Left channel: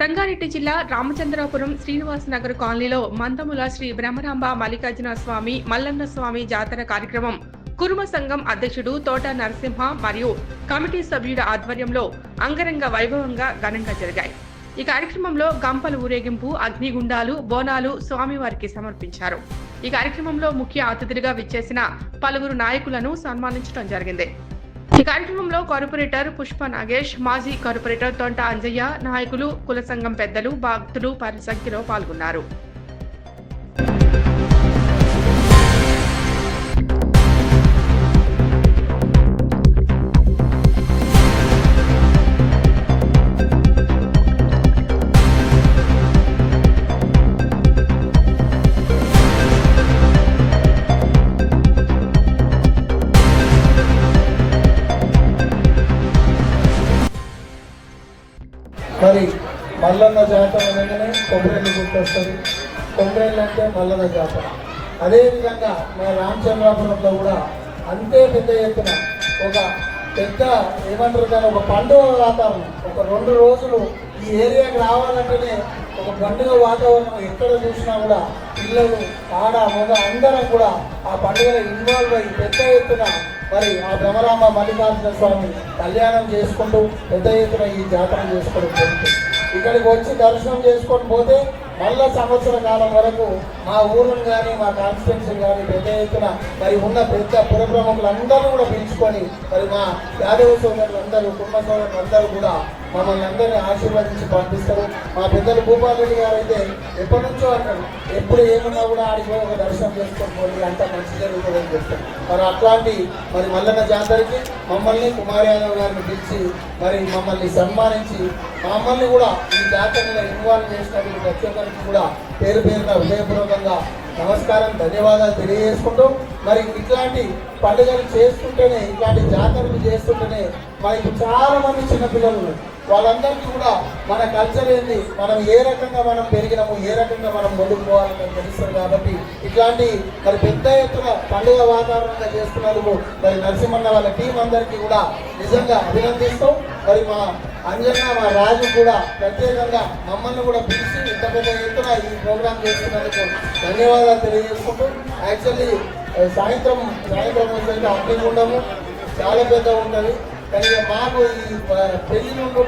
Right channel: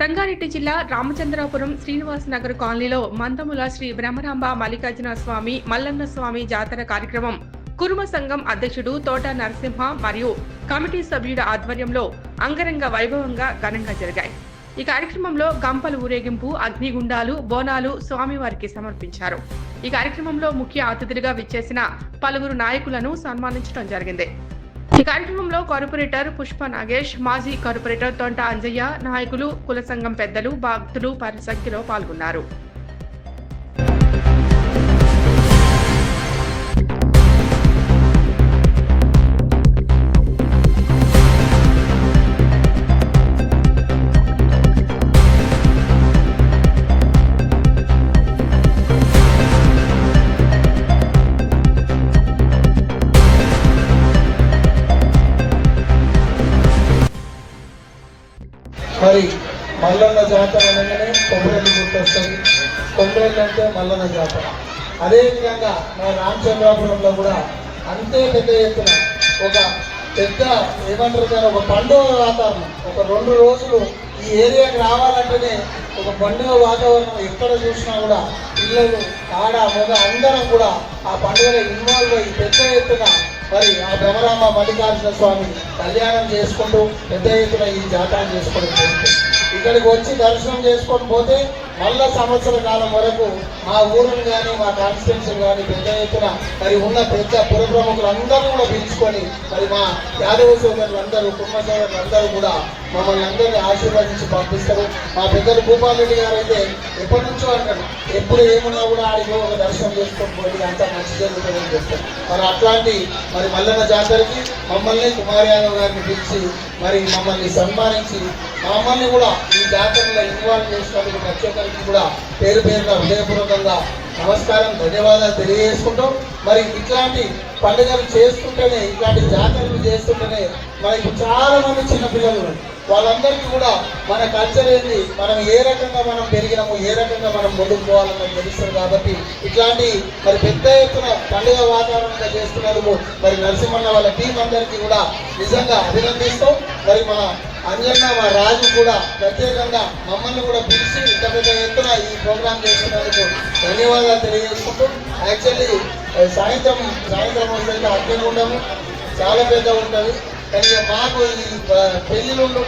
సంగారెడ్డి జిల్లా రామచంద్రాపురం శ్రీనివాస నగర్ కాలనీలో మందముల శ్రీ బ్రహ్మరాంబ మల్లికార్జున స్వామి మల్లన్న స్వామి జాతర కార్యక్రమం కురుమ సంఘం అధ్యక్షుడు తోట నరసింహ మరియు కమిటీ సభ్యుల ఆధ్వర్యంలో అంగరంగ వైభవంగా ఘనంగా జరిగాయి. ఈ కార్యక్రమంలో గంపల ఊరేగింపు అగ్నిగుండాలు బోనాలు స్వామివారికి సమర్పించారు. ఈ కార్యక్రమంలో ముఖ్య అతిథులుగా విచ్చేసిన పలువురు నాయకులను సన్మానించడం జరిగింది. ఈ కార్యక్రమంలో కార్పొరేటర్ పుష్ప నాగేష్ మాజీ కార్పొరేటర్ తొంట అంజయ్య నాయకులు కుల సంఘం పెద్దలు భక్తులు పరి సంఖ్యలో పాల్గొన్నారు. మరి మల్లన్న జాతర అనగానే కొబ్బరిని గుర్తొస్తుంది. కొబ్బరిని అంటే మల్లన్న జాతర. అదేవిధంగా మా రామచంద్రాపురంలో కూడా అంతే పెద్ద ఎత్తున ఒక పెద్ద ఏమంటారు కానీ ఒక పండుగ వాతావరణం. ఒక రెండు రోజులు ఈ ఏరియాకి రావాలంటేనే ఒక పండుగ వాతావరణం ఎక్కడ చూసినా కూడా పిల్లలు ఆడ మగ అందరం కూడా ఆ పండుగలో ఇన్వాల్వ్ అయ్యి పెద్ద ఎత్తున మరి ఆ భ్రమరామ మల్లికార్జున స్వామి కళ్యాణం చేసుకుంటూ పెద్ద ఎత్తున ఈ జాతర చేసుకొని పోతుంది ఇక్కడికి వచ్చి దర్శనం చేసుకొని పోతే మళ్ళా సంవత్సర కాలం వరకు మా ఊరిని కానీ మా కాన్స్టిట్యున్సీ కానీ పెద్ద ఎత్తున మరి ఉన్న పెద్ద పుర ప్రముఖులందరూ కూడా పిలుచుకొని మరి మా యాదవ సోదరులందరూ కుటుంబ సోదరులందరూ కూడా మమ్మల్ని అందరినీ ఆశీర్వదించి పంపిస్తారు మా పెద్దలు భూపాలరెడ్డి గారు అయితే ఎప్పటి నుంచో అంటారు ఎప్పుడు ఏమన్నా కూడా ఆడికి ఒక దర్శనం చేసుకోకపోతే అంతా మంచి జరుగుతుందని చెప్తారు. మరి అట్లాంటి మరి మల్లన్న జాతరకి మమ్మల్ని కుమార్ యాదవ్ గారిని పిలిచి మరి మమ్మల్ని సన్మానించి మమ్మల్ని కూడా ఈ జాతరలో ఇన్వాల్వ్ చేసినందుకు ప్రతి ఒక్కరికి కూడా పేరు పేరుగా హృదయపూర్వకంగా నమస్కారం ధన్యవాదాలు తెలియజేసుకుంటూ మరి ఇట్లాంటి పండుగలు చేసుకుంటేనే ఇట్లాంటి జాతరలు చేస్తుంటేనే మనకి చాలా మంది చిన్నపిల్లలు వాళ్ళందరికీ కూడా మన కల్చర్ ఏంది? మనం ఏ రకంగా మనం పెరిగినాము ఏ రకంగా మనం ముందుకు పోవాలని తెలుస్తుంది కాబట్టి ఇలాంటి మరి పెద్ద ఎత్తున పండుగ వాతావరణంగా చేస్తున్నందుకు మరి నరసింహన్న వాళ్ళ టీం అందరికీ కూడా నిజంగా అభినందిస్తాం మరి మా అంజన్న మా రాజు కూడా ప్రత్యేకంగా మమ్మల్ని కూడా పిలిచి ఇంత పెద్ద ఎత్తున ఈ ప్రోగ్రామ్ చేస్తున్నందుకు ధన్యవాదాలు తెలియజేసుకుంటూ యాక్చువల్లీ సాయంత్రం సాయంత్రం అయితే అడ్డు ఉండము. చాలా పెద్ద ఉంటుంది. కానీ మాకు ఈ పెళ్ళి నుండి